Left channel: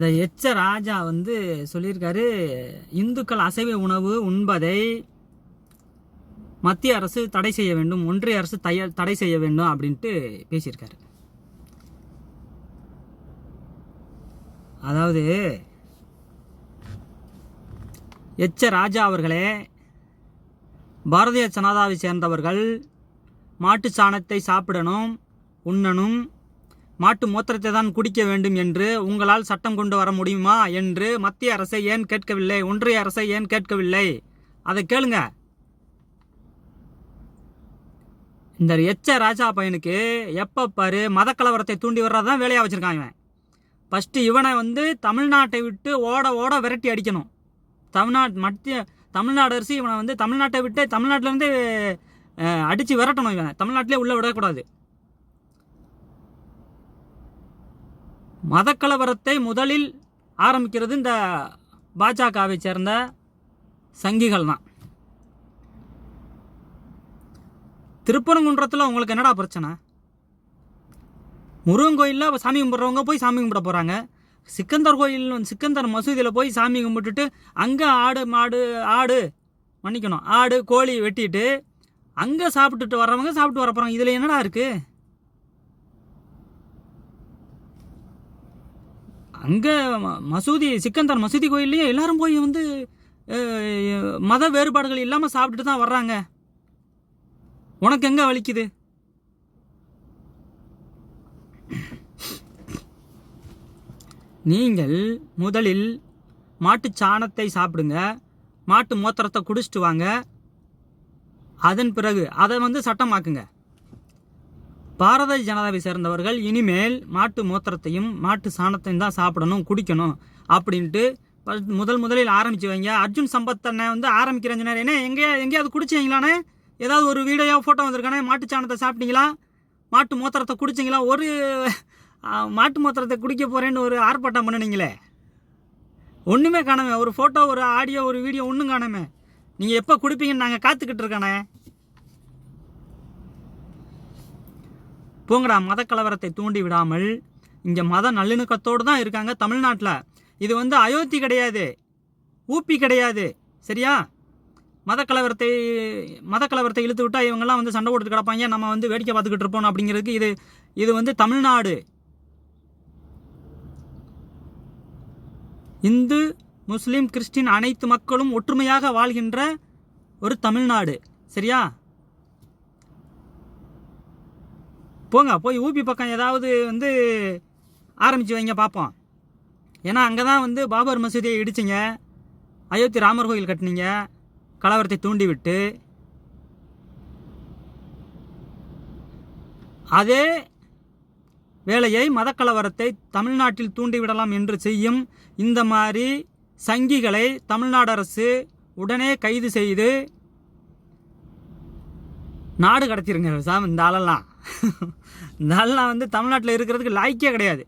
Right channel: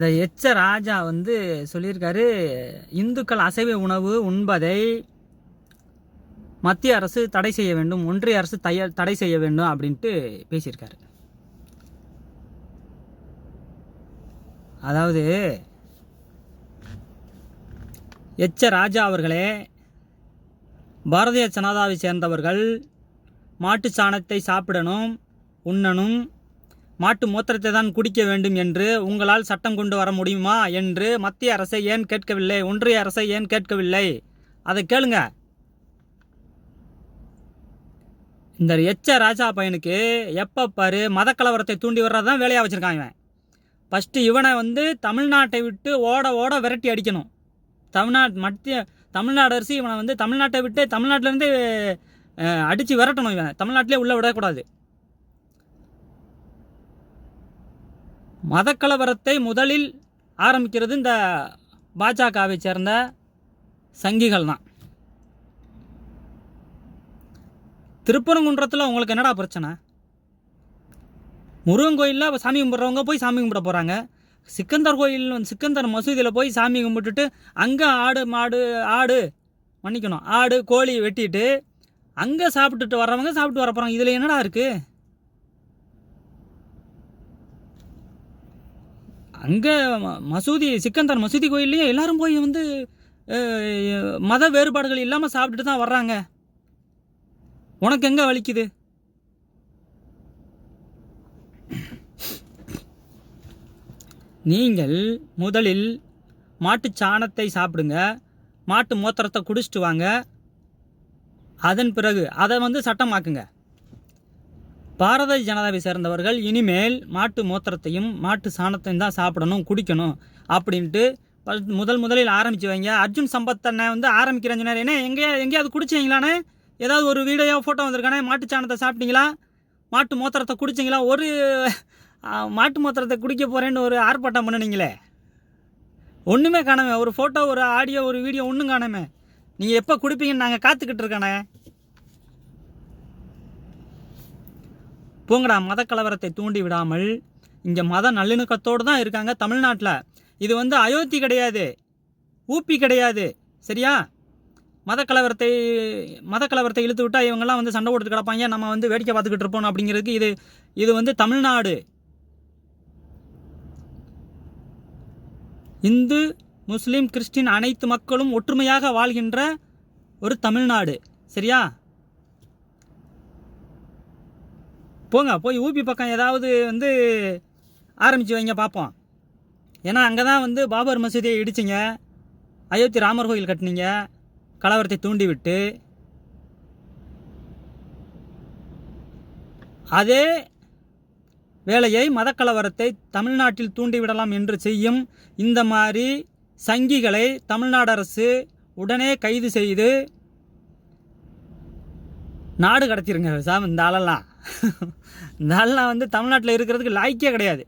இந்த எச்ச ராஜா வந்து சொல்லியிருக்காரு, இந்துக்கள் அசைவ உணவு உண்பதை மத்திய அரசு தடை செய்ய வேண்டும், ஒன்றிய அரசு தடை செய்ய வேண்டும் அப்படின்ட்டு பேசியிருக்காரு. அதாவது எச்ச ராஜா அவர்களே, பாரதிய ஜனதாவை சேர்ந்தவர்கள் மாட்டு சாணத்தை சாப்பிடணும், உண்ணணும், மாட்டு மூத்திரத்தை தான் குடிக்க வேண்டும் என்று உங்களால் சட்டம் கொண்டு வர முடியுமா என்று மத்திய அரசை ஏன் கேட்கவில்லை, ஒன்றிய அரசை ஏன் கேட்கவில்லை? அதை கேளுங்க. இந்த எச்ச ராஜா பையனுக்கு எப்போ பாரு மத கலவரத்தை தூண்டி வர்றதான் வேலையாக வச்சுருக்கான் இவன். ஃபஸ்ட்டு இவனை வந்து தமிழ்நாட்டை விட்டு ஓட ஓட விரட்டி அடிக்கணும். தமிழ்நாடு அரசு இவனை வந்து தமிழ்நாட்டை விட்டு தமிழ்நாட்டிலேருந்து அடித்து விரட்டணும். இவன் தமிழ்நாட்டிலே உள்ளே விடக்கூடாது. மதக்கலவரத்தை முதலில் ஆரம்பிக்கிறது இந்த பாஜகவை சேர்ந்த சங்கிகள் தான். திருப்பரங்குன்றத்தில் உங்களுக்கு என்னடா பிரச்சனை? முருகன் கோயிலில் சாமி கும்பிட்றவங்க போய் சாமி கும்பிட போகிறாங்க. சிக்கந்தர் மசூதியில் போய் சாமி கும்பிட்டுட்டு அங்கே ஆடு கோழி வெட்டிட்டு அங்கே சாப்பிட்டுட்டு வர்றவங்க சாப்பிட்டு வர போகிறாங்க. இதில் என்னடா இருக்குது? அங்கே சிக்கந்தர் மசூதி கோயில்லையும் எல்லாரும் போய் வந்து மத வேறுபாடுகள் இல்லாமல் சாப்பிட்டுட்டு தான் வர்றாங்க. உனக்கு எங்கே வலிக்குது? நீங்கள் முதலில் மாட்டு சாணத்தை சாப்பிடுங்க, மாட்டு மூத்திரத்தை குடிச்சிட்டு வாங்க, அதன் பிறகு அதை வந்து சட்டமாக்குங்க. பாரதிய ஜனதாவை சேர்ந்தவர்கள் இனிமேல் மாட்டு மூத்திரத்தையும் மாட்டு சாணத்தையும் தான் சாப்பிடணும், குடிக்கணும் அப்படின்ட்டு முதலில் ஆரம்பிச்சு வைங்க. அர்ஜுன் சம்பத் அண்ணன் வந்து ஆரம்பிக்கிறேன்னு சொன்னார். என்ன எங்கேயாவது குடிச்சிங்களானே? ஏதாவது ஒரு வீடியோ ஃபோட்டோ வந்திருக்கானே? மாட்டு சாணத்தை சாப்பிட்டீங்களா, மாட்டு மூத்திரத்தை குடிச்சிங்களா? ஒரு மாட்டு மூத்திரத்தை குடிக்க போகிறேன்னு ஒரு ஆர்ப்பாட்டம் பண்ணினீங்களே, ஒன்றுமே காணாமே. ஒரு ஃபோட்டோ, ஒரு ஆடியோ, ஒரு வீடியோ ஒன்றும் காணாமே. நீங்கள் எப்போ குடிப்பீங்கன்னு நாங்கள் காத்துக்கிட்டு இருக்கானே. போங்கடா. மத கலவரத்தை தூண்டி விடாமல் இங்கே மத நல்லிணக்கத்தோடு தான் இருக்காங்க தமிழ்நாட்டில். இது வந்து அயோத்தி கிடையாது, ஊப்பி கிடையாது, சரியா? மத கலவரத்தை இழுத்து விட்டால் இவங்கெல்லாம் வந்து சண்டை போட்டு கிடப்பாங்க, நம்ம வந்து வேடிக்கை பார்த்துக்கிட்டு இருப்போம் அப்படிங்கிறதுக்கு இது வந்து தமிழ்நாடு. இந்து முஸ்லீம் கிறிஸ்டின் அனைத்து மக்களும் ஒற்றுமையாக வாழ்கின்ற ஒரு தமிழ்நாடு, சரியா? போங்க, போய் ஊபி பக்கம் ஏதாவது வந்து ஆரம்பித்து வைங்க பார்ப்போம். ஏன்னா அங்கே தான் வந்து பாபர் மசூதியை இடிச்சிங்க, அயோத்தி ராமர் கோயில் கட்டினீங்க, கலவரத்தை தூண்டி விட்டு. அதே வேலையை மதக்கலவரத்தை தமிழ்நாட்டில் தூண்டிவிடலாம் என்று செய்யும் இந்த மாதிரி சங்கிகளை தமிழ்நாடு அரசு உடனே கைது செய்து நாடு கடத்திருங்க சார். இந்த ஆளெல்லாம் வந்து தமிழ்நாட்டில் இருக்கிறதுக்கு லாய்க்கே கிடையாது.